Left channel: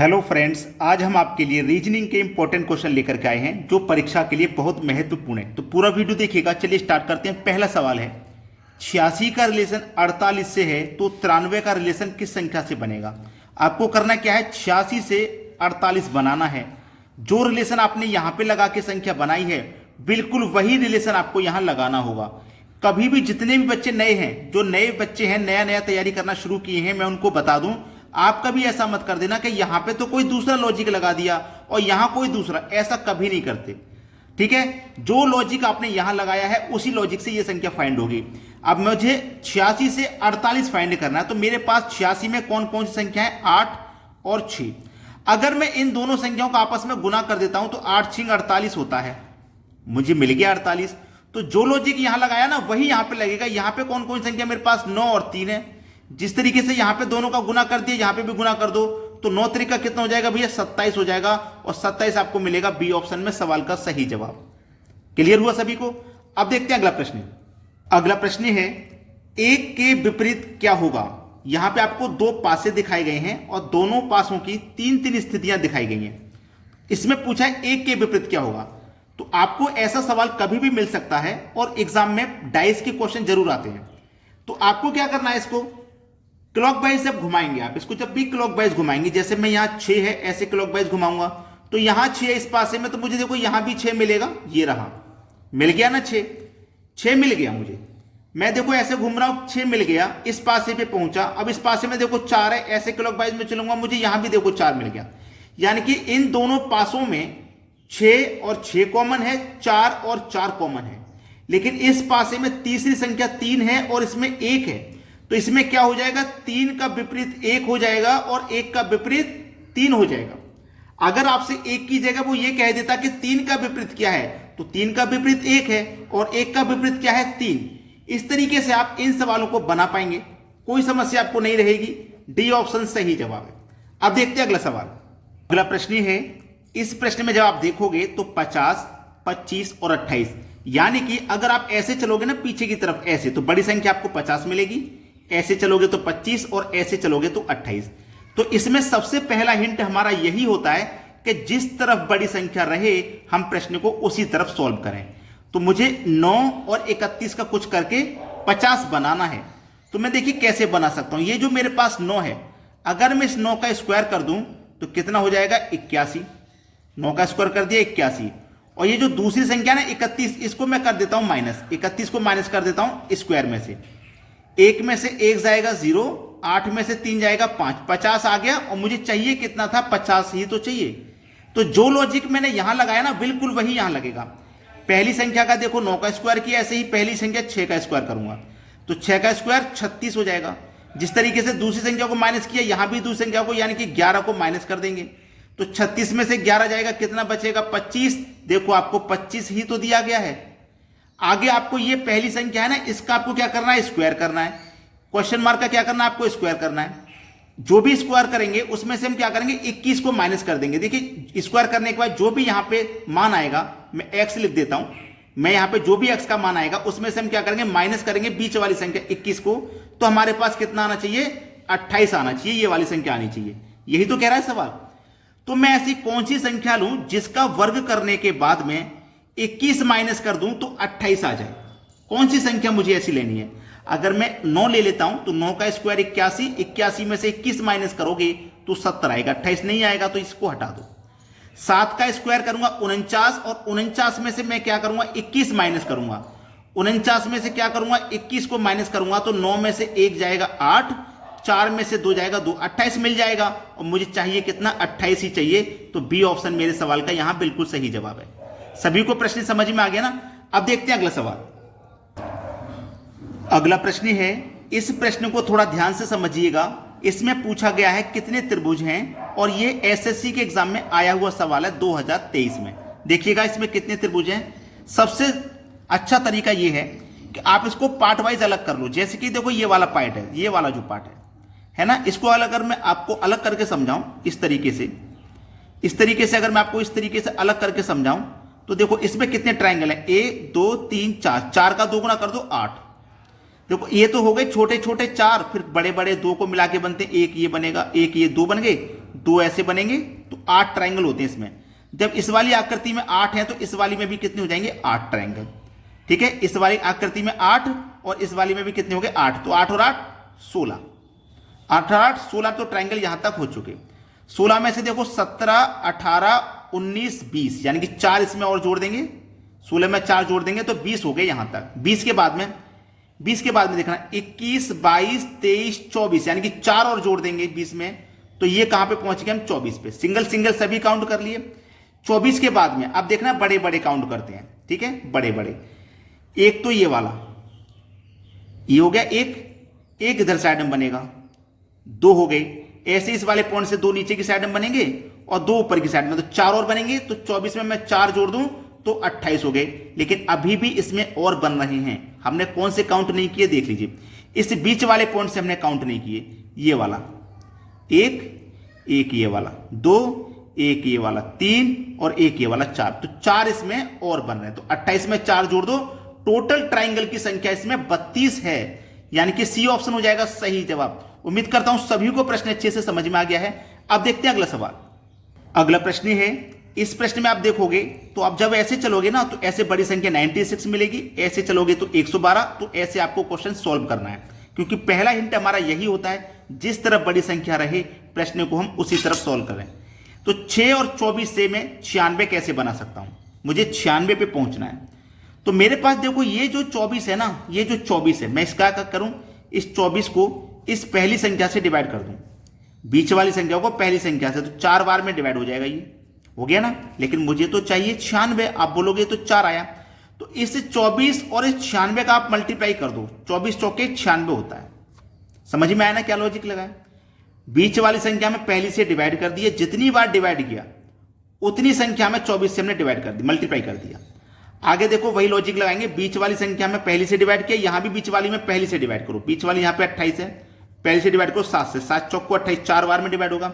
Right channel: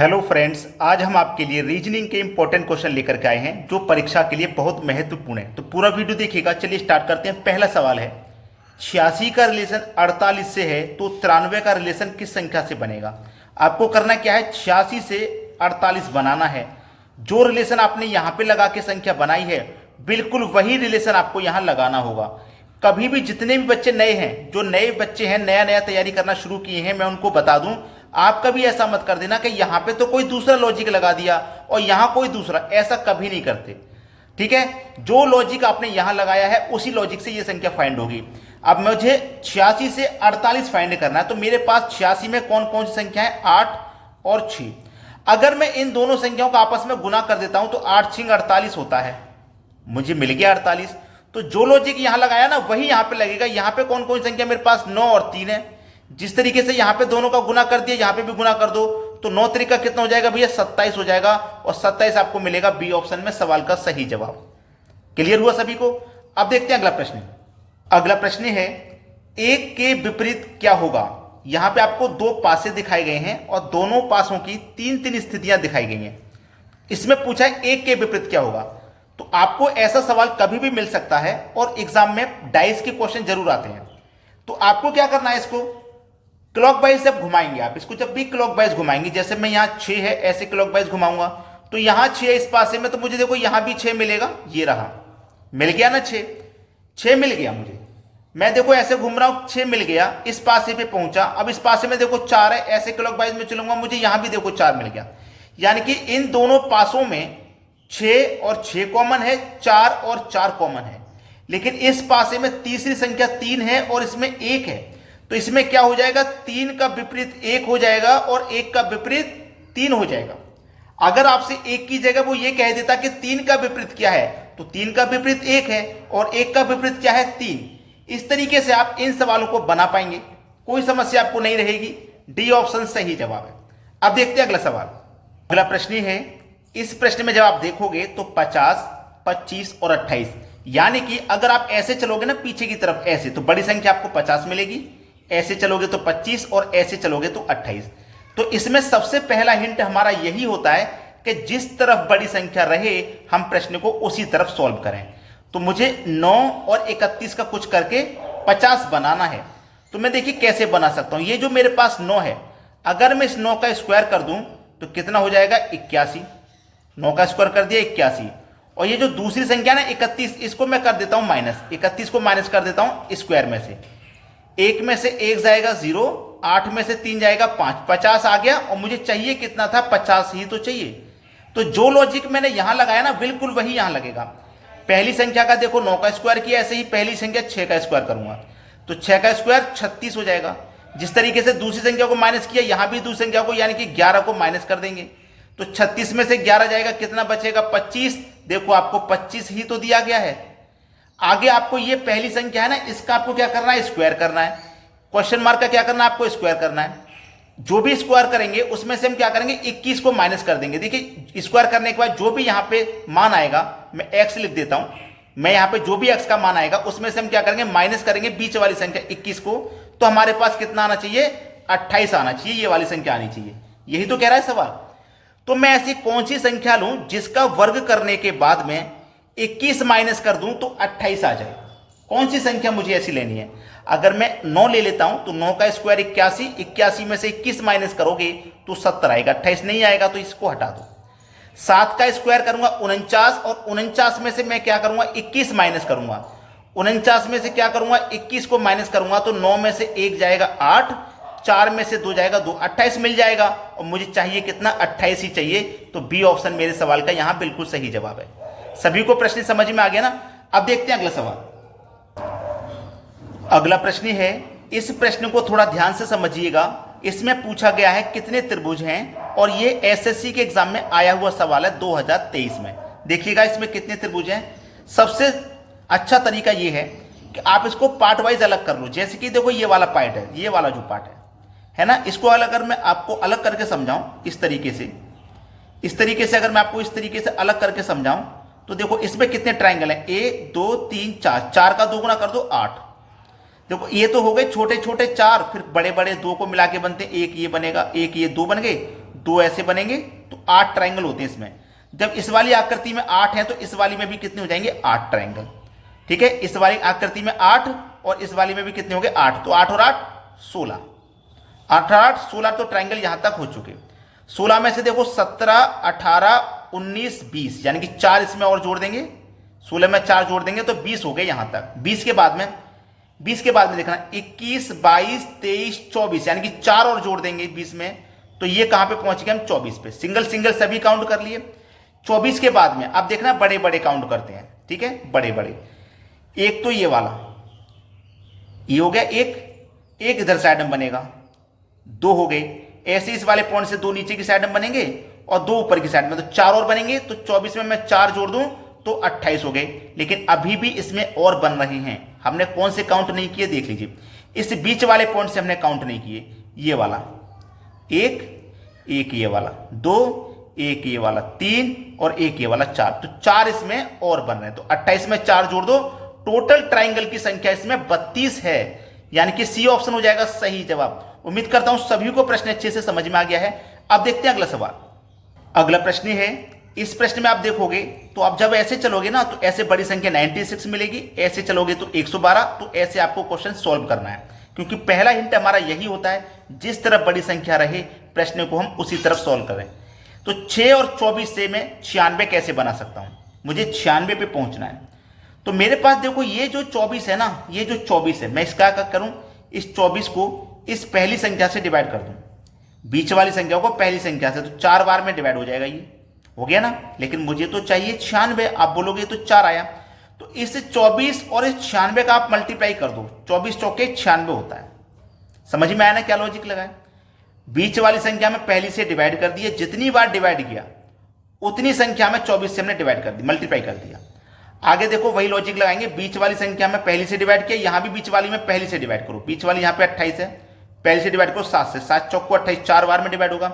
Hello friends, आज हम आपके लिए रीजनिंग के इंपॉर्टेंट क्वेश्चन लेकर के आए हैं जो परीक्षा के लिए बहुत महत्वपूर्ण है। तो पूरा वीडियो देखिएगा। चलिए स्टार्ट करते हैं। पहला सवाल है, 86 का रिलेशन 48 से है तो 93 का रिलेशन किस संख्या से बनेगा। आपको करना क्या है, 86 से 48 बनाना है। जो रिलेशन आपने यहाँ पे लगा के संख्या बनाई है बिल्कुल वही रिलेशन आपको यहाँ लगाना होगा। कभी भी जितने भी बच्चे नए हैं, जो नए बच्चे हैं, नया नया तैयारी करना शुरू किए हैं, मैं उनको बता दूं, आप कभी ऐसा मत कर देना कि यहां पे तो कोई दूसरा लॉजिक लगा दिया और यहां कोई दूसरा। ऐसा कभी नहीं करते, ठीक है। जो लॉजिक आपने यहां लगाया है उसी लॉजिक से ये संख्या फाइंड होगी। अब मुझे 86 से 48 फाइंड करना है, तो मेरे पास 86 में कौन कौन सी संख्या है, 8 और 6। अगर मैं इन दोनों संख्याओं का आपस में गुना कर देता हूं तो 8 6 48 होता है, मुझे मिल गया 48। तो जो लॉजिक यहां लगाया ना वही यहां पे लगेगा। यहां पे कौन कौन सी संख्या मेरे पास, 9 और 3 है। जिस तरीके से यहां पे दोनों का गुना कर दिया, यहां पे भी गुना कर दो, तो 9 तरीका कितना हो जाएगा भैया, 27 हो जाएगा। और 27 आपको मिलेगा बी ऑप्शन में सवाल का सही जवाब। क्लियर हुआ सभी को। अब देखते हैं अगला प्रश्न। अगला प्रश्न है, एक के विपरीत क्या होगा। यहां पे आपको दो पासे दिखाए गए हैं और दोनों पासों की तीन तीन स्थितियां दिखाई गई हैं। इसमें पूछा है एक के विपरीत क्या होगा। तो आपको ऐसा सवाल कभी भी मिल सकता है और एग्जाम में डाइस के क्वेश्चन जरूर आते हैं। तो आपको क्या करना है, इसको क्लॉकवाइज जब घुमाएंगे आप, इसको जब भी क्लॉकवाइज घुमाएंगे, जैसे मैं यहां 6 है ऐसे क्लॉकवाइज घुमाऊंगा तो यहां 6 इस पासे में, तो मुझे देखो यहां भी 6 मिलेगा। ये रहा, मिल गया ना 6 मिल गया मुझे। मैं देखो ऐसे घूम रहा हूं, 6 मिल गया, इस पासे पे पहुंचा। अब इस पासे में देखो 4 है, ऐसे क्लॉकवाइज में चलूंगा, मुझे यहां भी देखो 4 मिल गया। यानी कि इन दोनों पासों में 6 और 6 कॉमन है, 4 और 4 कॉमन है। लेकिन इस पासे में तीसरी संख्या 3 है और इसमें 1 है। तो इसमें क्या हो जाएगा, 3 का विपरीत 1 हो जाएगा और 1 का विपरीत 3 हो जाएगा। अगर आपसे 1 की जगह वो ये कह देता कि 3 का विपरीत क्या है, तो 3 का विपरीत 1 है और 1 का विपरीत क्या है, 3। इस तरीके से आप इन सवालों को बना पाएंगे, कोई समस्या आपको नहीं रहेगी। डी ऑप्शन सही जवाब है। अब देखते हैं अगला सवाल। अगला प्रश्न है, इस प्रश्न में जब आप देखोगे तो 50, 25 और 28, यानी कि अगर आप ऐसे चलोगे ना पीछे की तरफ ऐसे, तो बड़ी संख्या आपको 50 मिलेगी, ऐसे चलोगे तो 25 और ऐसे चलोगे तो 28। तो इसमें सबसे पहला हिंट हमारा यही होता है कि जिस तरफ बड़ी संख्या रहे हम प्रश्न को उसी तरफ सॉल्व करें। तो मुझे 9 और 31 का कुछ करके 50 बनाना है। तो मैं देखिए कैसे बना सकता हूं। ये जो मेरे पास 9 है, अगर मैं इस 9 का स्क्वायर कर दूं तो कितना हो जाएगा, 81। 9 का स्क्वायर कर दिया 81। और ये जो दूसरी संख्या ना 31, इसको मैं कर देता हूं माइनस, 31 को माइनस कर देता हूं स्क्वायर में से। 1 में से 1 जाएगा 0, 8 में से 3 जाएगा 5, 50 आ गया। और मुझे चाहिए कितना था, 50 ही तो चाहिए। तो जो लॉजिक मैंने यहां लगाया ना बिल्कुल वही यहां लगेगा। पहली संख्या का देखो 9 का स्क्वायर किया, ऐसे ही पहली संख्या 6 का स्क्वायर करूंगा तो 6 का स्क्वायर 36 हो जाएगा। जिस तरीके से दूसरी संख्या को माइनस किया, यहां भी दूसरी संख्या को यानी कि 11 को माइनस कर देंगे तो 36 में से 11 जाएगा, कितना बचेगा, 25। देखो आपको 25 ही तो दिया गया है। आगे आपको ये पहली संख्या है ना, इसका आपको क्या करना है, स्क्वायर करना है। क्वेश्चन मार्क का क्या करना है, आपको स्क्वायर करना है। जो भी स्क्वायर करेंगे उसमें से हम क्या करेंगे, 21 को माइनस कर देंगे। देखिए स्क्वायर करने के बाद जो भी यहां पे मान आएगा, मैं एक्स लिख देता हूं, मैं यहां पे जो भी एक्स का मान आएगा उसमें से हम क्या करेंगे, माइनस करेंगे बीच वाली संख्या 21 को। तो हमारे पास कितना आना चाहिए, 28 आना चाहिए, ये वाली संख्या आनी चाहिए। यही तो कह रहा है सवाल। तो मैं ऐसी कौन सी संख्या लूं जिसका वर्ग करने के बाद में 21 माइनस कर दूं तो 28 आ जाए। कौन सी संख्या मुझे ऐसी लेनी है। अगर मैं 9 ले लेता हूं तो 9 का स्क्वायर 81, 81 में से 21 माइनस करोगे तो 70 आएगा, 28 नहीं आएगा, तो इसको हटा दो। 7 का स्क्वायर करूंगा 49, और 49 में से मैं क्या करूंगा, 21 माइनस करूंगा। 49 में से क्या करूंगा, 21 को माइनस करूंगा तो 9 में से 1 जाएगा 8, 4 में से 2 जाएगा 2, 28 मिल जाएगा। और मुझे चाहिए कितना, 28 ही चाहिए। तो बी ऑप्शन मेरे सवाल का यहां बिल्कुल सही जवाब है। सभी को प्रश्न समझ में आ गया ना। अब देखते हैं अगला सवाल। अगला प्रश्न है, इस प्रश्न को थोड़ा ध्यान से समझिएगा। इसमें पूछा गया है कितने त्रिभुज हैं, और ये एसएससी के एग्जाम में आया हुआ सवाल है 2023 में। देखिएगा इसमें कितने त्रिभुज हैं। सबसे अच्छा तरीका ये है कि आप इसको पार्ट वाइज अलग कर लो। जैसे कि देखो ये वाला पार्ट है, ये वाला जो पार्ट है ना, इसको अलग अगर मैं आपको अलग करके समझाऊं इस तरीके से अगर मैं आपको इस तरीके से अलग करके समझाऊं तो देखो इसमें कितने ट्राइंगल हैं, 1 2 3 4, 4 का 2 गुना कर दो 8। देखो ये तो हो गए छोटे छोटे 4, फिर बड़े बड़े 2 को मिला के बनते, एक ये बनेगा, एक ये 2 बन गए, दो ऐसे बनेंगे तो 8 ट्राइंगल होते हैं इसमें। जब इस वाली आकृति में 8 है तो इस वाली में भी कितने हो जाएंगे 8 ट्राइंगल। ठीक है, इस वाली आकृति में 8 और इस वाली में भी कितने हो गए 8, तो 8 और 8 16, 8 और 8 16, तो ट्राइंगल यहां तक हो चुके। 16 में से देखो 17 18 19 20, यानी कि 4 इसमें और जोड़ देंगे, 16 में 4 जोड़ देंगे तो 20 हो गए यहां तक। 20 के बाद में देखना 21 22 23 24, यानी कि 4 और जोड़ देंगे 20 में, तो ये कहां पे पहुंच गए हम 24 पे। सिंगल सिंगल सभी काउंट कर लिए। 24 के बाद में अब देखना बड़े बड़े काउंट करते हैं। ठीक है, बड़े बड़े, एक तो ये वाला, ये हो गया एक इधर साइड में बनेगा, 2 हो गए। ऐसे इस वाले पॉइंट से 2 नीचे की साइड में बनेंगे और 2 ऊपर की साइड में, तो 4 और बनेंगे। तो 24 में मैं 4 जोड़ दूं तो 28 हो गए। लेकिन अभी भी इसमें और बन रहे हैं, हमने कौन से काउंट नहीं किए देख लीजिए। इस बीच वाले पॉइंट से हमने काउंट नहीं किए, ये वाला एक ये वाला 2, एक ये वाला 3 और एक ये वाला 4, तो 4 इसमें और बन रहे हैं। तो 28 में 4 जोड़ दो, टोटल ट्राइंगल की संख्या इसमें 32 है, यानी कि सी ऑप्शन हो जाएगा सही जवाब। उम्मीद करता हूं सभी को प्रश्न अच्छे से समझ में आ गया है। अब देखते हैं अगला सवाल। अगला प्रश्न है, इस प्रश्न में आप देखोगे तो आप जब ऐसे चलोगे ना तो ऐसे बड़ी संख्या 96 मिलेगी, ऐसे चलोगे तो 112, तो ऐसे आपको क्वेश्चन सॉल्व करना है। क्योंकि पहला हिंट हमारा यही होता है, जिस तरफ बड़ी संख्या रहे प्रश्न को हम उसी तरफ सॉल्व करें। तो 6 और 24 से मैं 96 कैसे बना सकता हूं, मुझे 96 पे पहुंचना है। तो मेरे पास देखो ये जो 24 है ना, ये जो 24 है, मैं इसका क्या करूं, इस 24 को इस पहली संख्या से डिवाइड कर दूं, बीच वाली संख्या को पहली संख्या से, तो 4 बार में डिवाइड हो जाएगा, ये हो गया ना। लेकिन मुझे तो चाहिए 96, आप बोलोगे तो 4 आया, तो इस 24 और इस 96 का आप मल्टीप्लाई कर दो, 24 चौके 96 होता है। समझ में आया ना क्या लॉजिक लगाए। बीच वाली संख्या में पहली से डिवाइड कर दिया, जितनी बार डिवाइड किया उतनी संख्या में 24 से हमने डिवाइड कर दी, मल्टीप्लाई कर दिया। आगे देखो वही लॉजिक लगाएंगे, बीच वाली संख्या में पहली से डिवाइड किया, यहां भी बीच वाली में पहली से डिवाइड करो, बीच वाली यहां पे 28 है, पहली से डिवाइड करो 7 से, 7 चौको 28, 4 बार में डिवाइड होगा।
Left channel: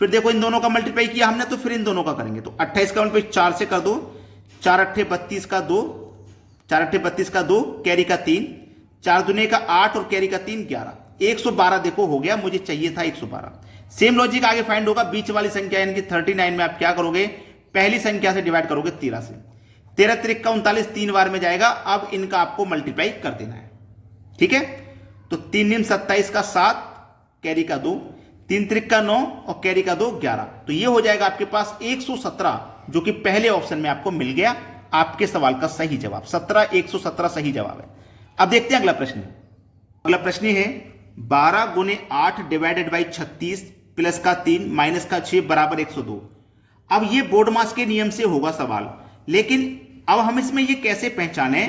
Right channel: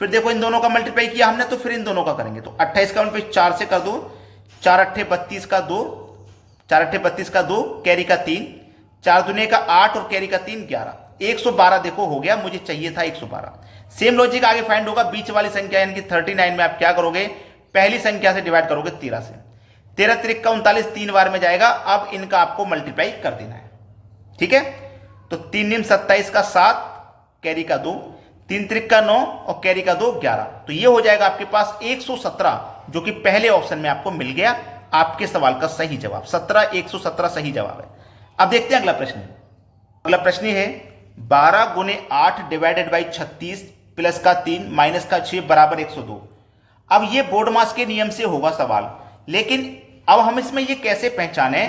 फिर देखो इन दोनों का मल्टीप्लाई किया हमने, तो फिर इन दोनों का करेंगे, तो 28 का मल्टीप्लाई 4 से कर दो, 4 अट्ठे 32 का 2, 4 अट्ठे 32 का 2, कैरी का 3, 4 दुने का 8 और कैरी का 3 11, 112 देखो हो गया, मुझे चाहिए था 112। सेम लॉजिक आगे फाइंड होगा, बीच वाली संख्या यानी कि 39 में आप क्या करोगे, पहली संख्या से डिवाइड करोगे 13 से, 13 त्रिक का 39 3 बार में जाएगा। अब इनका आपको मल्टीप्लाई कर देना है। ठीक है, तो 3 निम 27 का 7, कैरी का 2, 3 त्रिक का 9 और कैरी का 2 11, तो ये हो जाएगा आपके पास 117, जो कि पहले ऑप्शन में आपको मिल गया आपके सवाल का सही जवाब। 17 117 सही जवाब है। अब देखते हैं अगला प्रश्न। अगला प्रश्न है 12 गुने 8 डिवाइडेड बाई 36 प्लस का 3 माइनस का 6 बराबर 102। अब ये बोर्ड मास के नियम से होगा सवाल, लेकिन अब हम इसमें ये कैसे पहचाने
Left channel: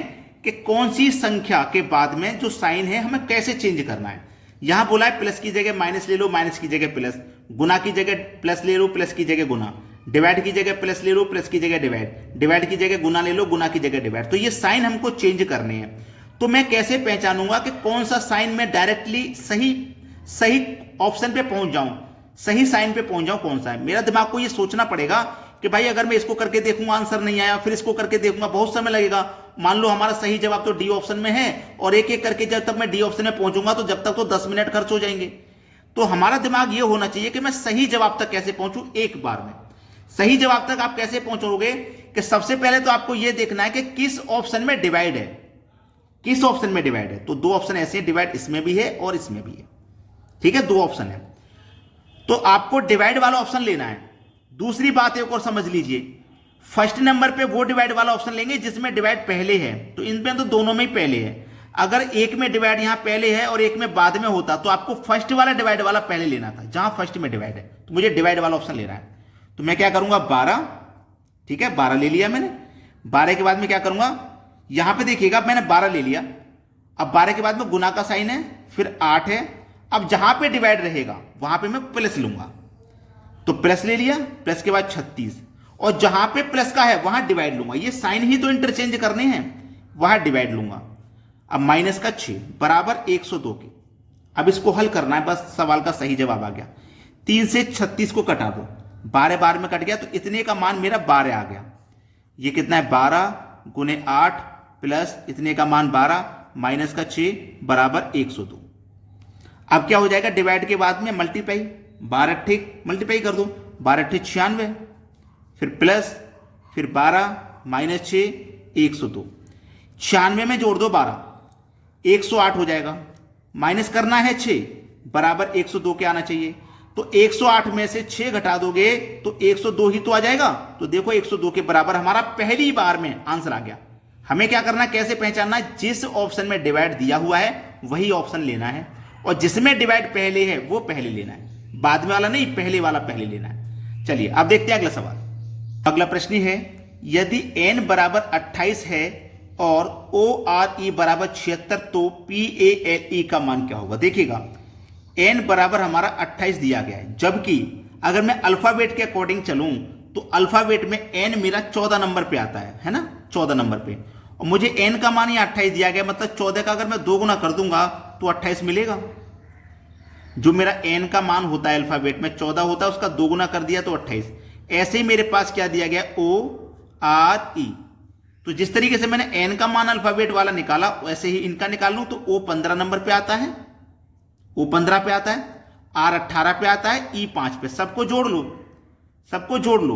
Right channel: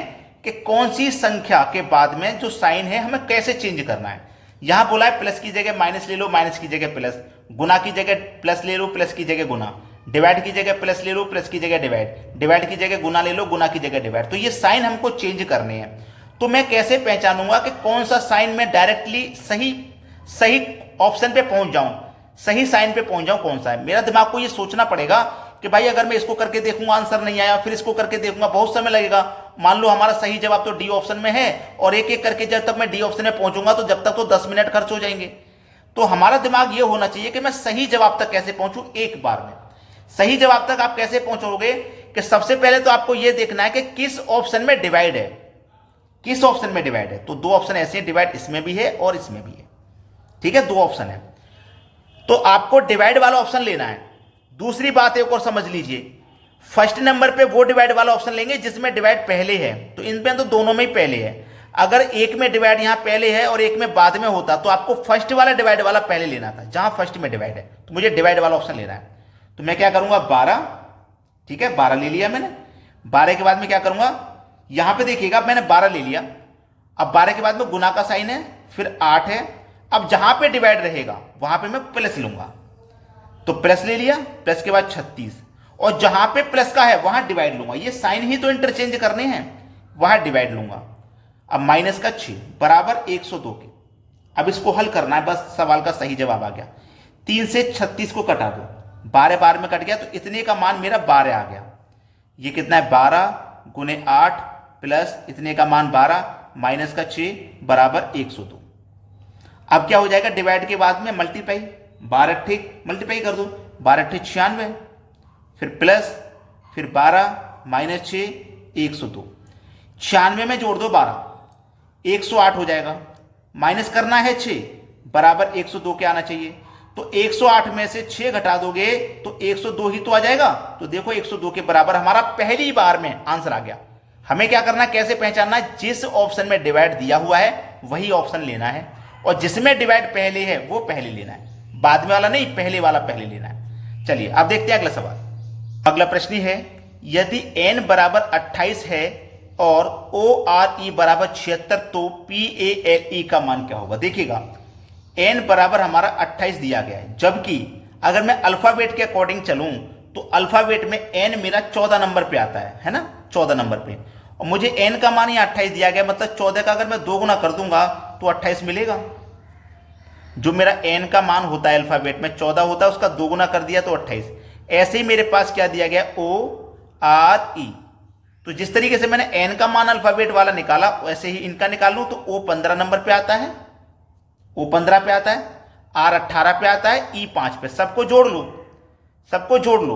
कि कौन सी संख्या के बाद में जो साइन है हमें कैसे चेंज करना है। यहां बोला है प्लस की जगह माइनस ले लो, माइनस की जगह प्लस, गुना की जगह प्लस ले लो, प्लस की जगह गुना, डिवाइड की जगह प्लस ले लो, प्लस की जगह डिवाइड, डिवाइड की जगह गुना ले लो, गुना की जगह डिवाइड। तो ये साइन हमको चेंज करने हैं। तो मैं कैसे पहचानूंगा कि कौन सा साइन में डायरेक्टली सही ऑप्शन पे पहुंच जाऊं, सही साइन पे पहुंच जाऊं, कौन सा है। मेरा दिमाग को ये सोचना पड़ेगा कि भाई अगर मैं इसको करके देखूंगा आंसर नहीं आया, फिर इसको करके देखूंगा, बहुत समय लगेगा। मान लो हमारा सही जवाब तो डी ऑप्शन में है और एक एक करके जब तक मैं डी ऑप्शन में पहुंचूंगा तो जब तक तो 10 मिनट खर्च हो जाएंगे। तो हमारा दिमाग ये होना चाहिए कि मैं सही जवाब तक कैसे पहुंचूं एक बार में। सही जवाब तक आप कैसे पहुंचोगे कि सबसे पहले तो आपको यह देखना है कि किस ऑप्शन में डिवाइड है, किस ऑप्शन में डिवाइड है। तो 2 ऑप्शन ऐसे हैं, डिवाइड इसमें भी है और इसमें भी है। ठीक है, 2 ऑप्शन है, तो आपको डिवाइड वाला ऑप्शन लेना है। दूसरी बात एक और समझ लीजिए, फर्स्ट नंबर पे वो डिवाइड वाला ऑप्शन लेंगे जिसमें डिवाइड पहले है, तो इनमें तो दोनों में ही पहले है। अगर एक में डिवाइड यहां पहले है और एक में बाद में होता तो आपको फर्स्ट वाला डिवाइड वाला पहले लेना था, जहां फर्स्ट में डिवाइड है। तो मुझे डिवाइड वाला ऑप्शन लेना है, तो मैं क्या करूंगा 12, ठीक है 12 ले लिया मैंने। 12 के बाद में क्या करूंगा, यहां पे देखिएगा मैंने 12 ले लिया। अब 12 के बाद में गुना का साइन है, फिर 8 है। अब जहां पे डिवाइड रहेगा वहां पे मैं प्लस लूंगा, तो प्लस ले लिया, प्लस के बाद 36, और जहां पे प्लस का है वहां डिवाइड लूंगा। ये साइन ही तो इंटरचेंज करने हैं, वहां डिवाइड लूंगा। अब माइनस का 6 बराबर 102 के। अब इसको हल करना है, बस सवाल का सही जवाब आ गया। 3 से 36 को कटा दो, 12 बार में कट गया, तो इतने का मान मेरा 12 आ गया। ये कितना है 12 गुने 8 प्लस इतने का मान 12 माइनस का 6 बराबर 102। अब क्या हो जाएगा, डिवाइड के बाद में मल्टीप्लाई, 12 ठीक मल्टीप्लाई कर दो, 12 ठीक 96, फिर प्लस, फिर 12 माइनस 6 102, 96 में जोड़ दो 12 108 हो जाएगा, माइनस करना है 6 बराबर 102 के आना चाहिए। तो 108 में से 6 घटा दोगे तो 102 ही तो आ जाएगा। तो देखो 102 के बराबर हमारा पहली बार में आंसर आ गया। हमें क्या करना है, कैसे पहचानना है, जिस ऑप्शन में डिवाइड दिया हुआ है वही ऑप्शन लेना है, और जिसमें डिवाइड पहले है वो पहले लेना है, बाद में वाला नहीं, पहले वाला पहले लेना है। चलिए अब देखते हैं अगला सवाल। अगला प्रश्न है, यदि n बराबर 28 है और ORE बराबर 76 तो PALE का मान क्या होगा। देखिएगा n बराबर हमारा 28 दिया गया है, जबकि अगर मैं अल्फाबेट के अकॉर्डिंग चलूं तो अल्फाबेट में n मेरा 14 नंबर पे आता है ना, 14 नंबर पे, और मुझे n का मान ही 28 दिया गया, मतलब 14 का अगर मैं 2 गुना कर दूंगा तो 28 मिलेगा। जो मेरा n का मान होता है अल्फाबेट में 14 होता है, उसका 2 गुना कर दिया तो 28। ऐसे ही मेरे पास क्या दिया गया, ORE। तो जिस तरीके से मैंने n का मान अल्फाबेट वाला निकाला वैसे ही इनका निकाल लूं तो O 15 नंबर पे आता है, O 15 पे आता है, R 18 पे आता है, E 5 पे। सबको जोड़ लो, सबको जोड़ लो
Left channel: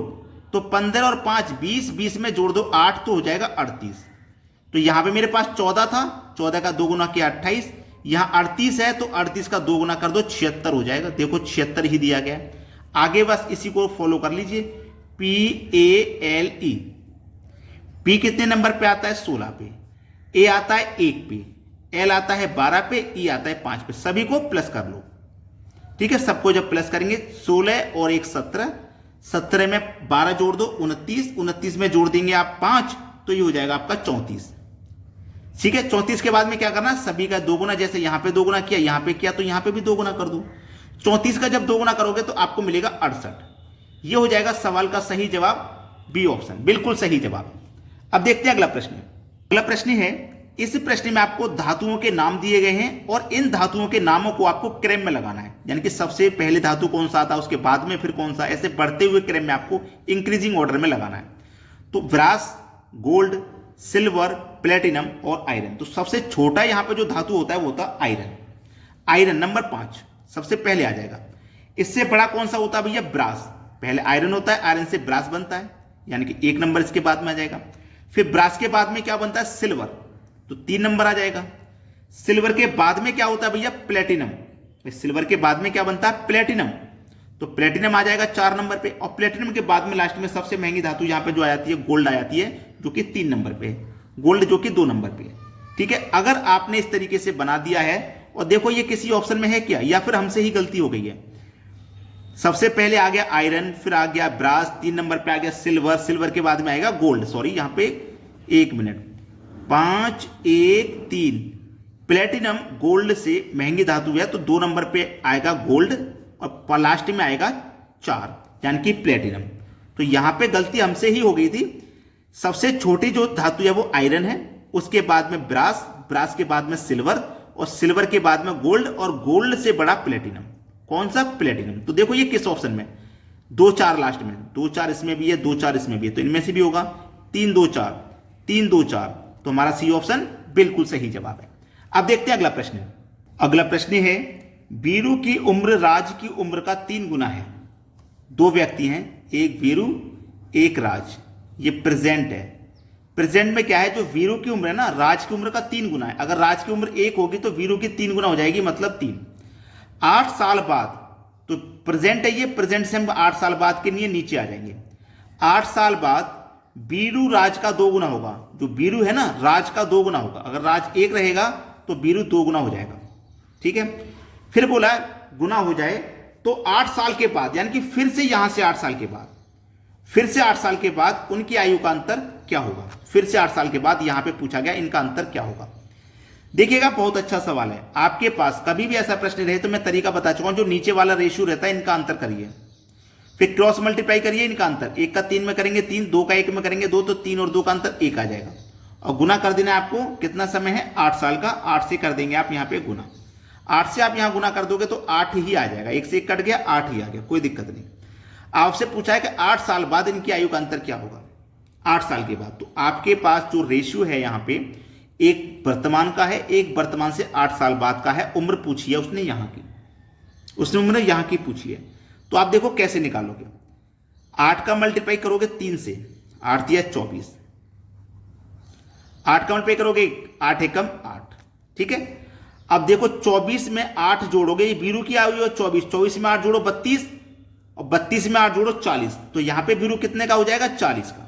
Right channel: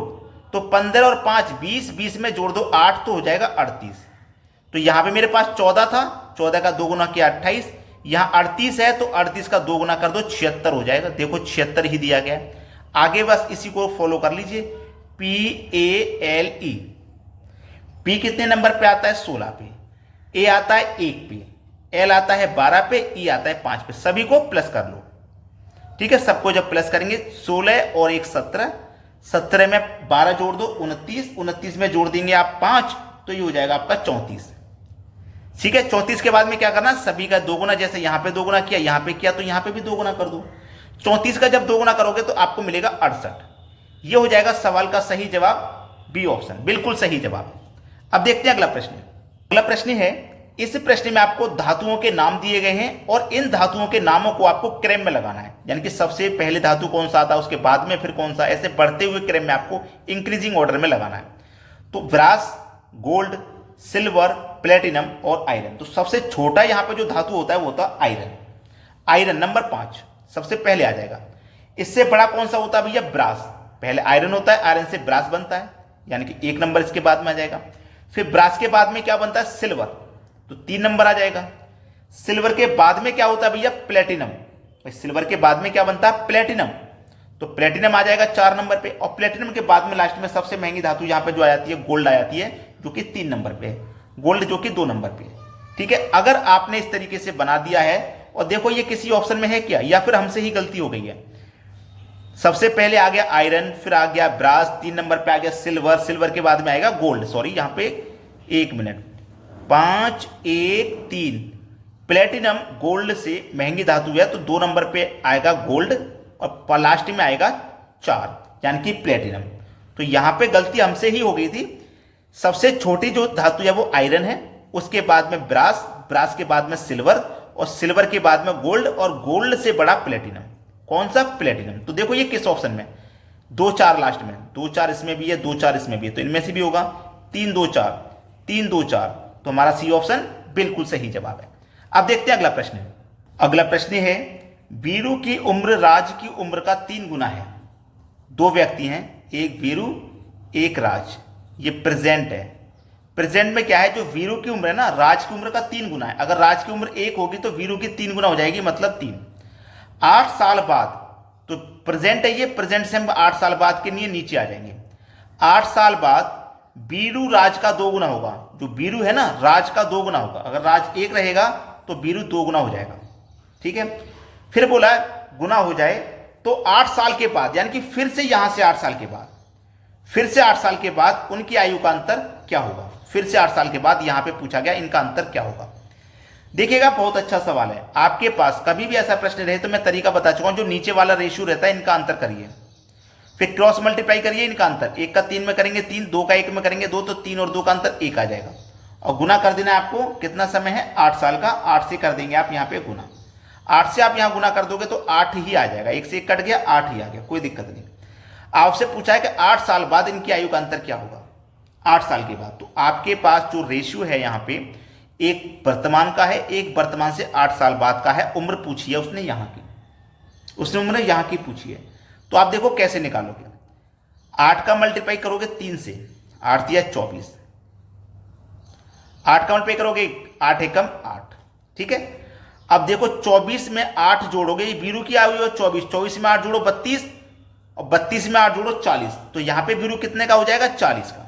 तो 15 और 5 20, 20 में जोड़ दो 8 तो हो जाएगा 38। तो यहां पे मेरे पास 14 था, 14 का 2 गुना किया 28, यहां 38 है तो 38 का 2 गुना कर दो 76 हो जाएगा। देखो 76 ही दिया गया है। आगे बस इसी को फॉलो कर लीजिए, PALE। P कितने नंबर पे आता है, 16 पे, A आता है 1 पे, L आता है 12 पे, E आता है 5 पे। सभी को प्लस कर लो, ठीक है। सबको जब प्लस करेंगे 16 और 1 17, 17 में 12 जोड़ दो 29, 29 में जोड़ देंगे आप 5 तो ये हो जाएगा आपका 34, ठीक है। 34 के बाद में क्या करना, सभी का 2 गुना, जैसे यहां पे 2 गुना किया, यहां पे किया तो यहां पे भी 2 गुना कर दो। 34 का जब 2 गुना करोगे तो आपको मिलेगा 68। ये हो जाएगा सवाल का सही जवाब, बी ऑप्शन बिल्कुल सही जवाब। अब देखते हैं अगला प्रश्न। अगला प्रश्न है, इस प्रश्न में आपको धातुओं के नाम दिए गए हैं और इन धातुओं के नामों को आपको क्रम में लगाना है, यानी कि सबसे पहले धातु कौन सा आता है, उसके बाद में फिर कौन सा, ऐसे बढ़ते हुए क्रम में आपको इंक्रीजिंग ऑर्डर में लगाना है। तो ब्रास, गोल्ड, सिल्वर, प्लेटिनम और आयरन। तो सबसे छोटा यहां पे जो धातु होता है वो होता है आयरन। आयरन नंबर 5 सबसे पहले आ जाएगा। इससे बड़ा कौन सा होता है भैया, ब्रास। पहले आयरन होता है, आयरन से ब्रास बनता है, यानी कि 1 नंबर इसके बाद में आ जाएगा। फिर ब्रास के बाद में क्या बनता है, सिल्वर, तो 3 नंबर आ जाएगा। सिल्वर के बाद में क्या होता है भैया, प्लेटिनम। सिल्वर के बाद में क्या बनता है, प्लेटिनम, तो प्लेटिनम आ जाएगा 4 नंबर पे। और प्लेटिनम के बाद में लास्ट में सबसे महंगी धातु यहां पे जो आ जाती है, गोल्ड आ जाती है, जो कि 3 नंबर पे है, गोल्ड जो कि 2 नंबर पे है, ठीक है। अगर आपने इस तरीके से बना दिया है, और देखो ये किसी ऑप्शन में है क्या, या फिर हमसे ही गलती हो गई है। सबसे पहले आ गया आयरन, फिर आ गया ब्रास, 3 नंबर पे आ गया सिल्वर, सिल्वर के बाद में आएगा गोल्ड, सॉरी यहां पे 1 मिनट, 5 1 3, प्लेटिनम गोल्ड से महंगी धातु है तो 2 नंबर पे आएगा गोल्ड, और लास्ट में आएगा 4, यानी कि प्लेटिनम। तो यहां पे गलती हमसे ही हो गई थी। सबसे छोटी जो धातु है वो आयरन है, उसके बाद में ब्रास, ब्रास के बाद में सिल्वर, और सिल्वर के बाद में गोल्ड, और गोल्ड से बड़ा प्लेटिनम। कौन सा, प्लेटिनम। तो देखो ये किस ऑप्शन में, 2 4 लास्ट में, 2 4 इसमें भी है, 2 4 इसमें भी है, तो इनमें से भी होगा 3 2 4, 3 2 4, तो हमारा सी ऑप्शन बिल्कुल सही जवाब है। अब देखते हैं अगला प्रश्न। अगला प्रश्न है, वीरू की उम्र राज की उम्र का 3 गुना है। 2 व्यक्ति हैं, एक वीरू एक राज, ये प्रेजेंट है। प्रेजेंट में क्या है, जो वीरू की उम्र है ना, राज की उम्र का 3 गुना है। अगर राज की उम्र 1 होगी तो वीरू की 3 गुना हो जाएगी, मतलब 3। 8 साल बाद, तो प्रेजेंट है ये, प्रेजेंट से हम 8 साल बाद के लिए नीचे आ जाएंगे। 8 साल बाद वीरू राज का 2 गुना होगा। जो वीरू है ना, राज का 2 गुना होगा। अगर राज 1 रहेगा तो वीरू 2 गुना हो जाएगा, ठीक है। फिर बोला गुना हो जाए तो 8 साल के बाद, यानी कि फिर से यहां से 8 साल के बाद, फिर से 8 साल के बाद उनकी आयु का अंतर क्या होगा। फिर से 8 साल के बाद यहां पे पूछा गया इनका अंतर क्या होगा। देखिएगा बहुत अच्छा सवाल है। आपके पास कभी भी ऐसा प्रश्न रहे तो मैं तरीका बता चुका हूं, जो नीचे वाला रेशियो रहता है इनका अंतर करिए, फिर क्रॉस मल्टीप्लाई करिए इनका अंतर। 1 का 3 में करेंगे 3, 2 का 1 में करेंगे 2, तो 3 और 2 का अंतर 1 आ जाएगा। और गुना कर देना है आपको, कितना समय है, 8 साल का। 8 से कर देंगे आप यहाँ पे गुना, 8 से आप यहाँ गुना कर दोगे तो 8 ही आ जाएगा। 1 से 1 कट गया, 8 ही आ गया, कोई दिक्कत नहीं। आपसे पूछा है कि 8 साल बाद इनकी आयु का अंतर क्या होगा, 8 साल के बाद। तो आपके पास जो रेशियो है यहाँ पे, एक वर्तमान का है, एक वर्तमान से 8 साल बाद का है। उम्र पूछी है उसने यहाँ की, उसने उम्र यहाँ की पूछी है। तो आप देखो कैसे निकालोगे। 8 का मल्टीप्लाई करोगे 3 से, 8 दिया 24, 8 का मल्टीप्लाई करोगे 8 एकम 8, ठीक है। अब देखो 24 में 8 जोड़ोगे, ये बीरू की आई हुई है 24, 24 में 8 जोड़ो 32 और 32 में 8 जोड़ो 40, तो यहां पे बीरू कितने का हो जाएगा 40 का।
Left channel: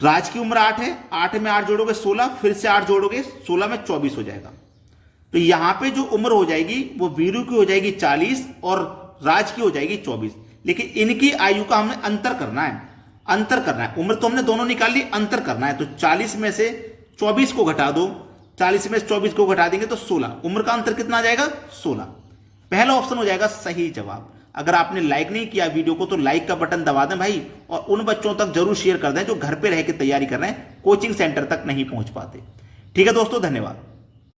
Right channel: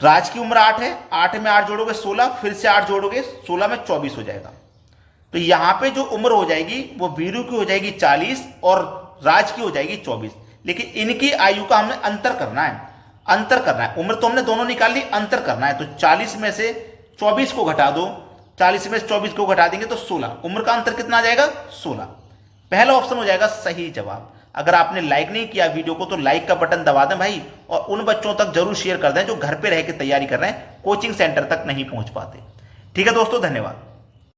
राज की उम्र 8 है, 8 में 8 जोड़ोगे 16, फिर से 8 जोड़ोगे 16 में 24 हो जाएगा। तो यहां पे जो उम्र हो जाएगी वो बीरू की हो जाएगी 40 और राज की हो जाएगी 24। लेकिन इनकी आयु का हमें अंतर करना है, अंतर करना है। उम्र तो हमने दोनों निकाल ली, अंतर करना है। तो 40 में से 24 को घटा दो, 40 में से 24 को घटा देंगे तो 16, उम्र का अंतर कितना आ जाएगा 16। पहला ऑप्शन हो जाएगा सही जवाब। अगर आपने लाइक नहीं किया वीडियो को तो लाइक का बटन दबा दें भाई, और उन बच्चों तक जरूर शेयर कर दें जो घर पे रह के तैयारी कर रहे हैं, कोचिंग सेंटर तक नहीं पहुंच पाते। ठीक है दोस्तों, धन्यवाद।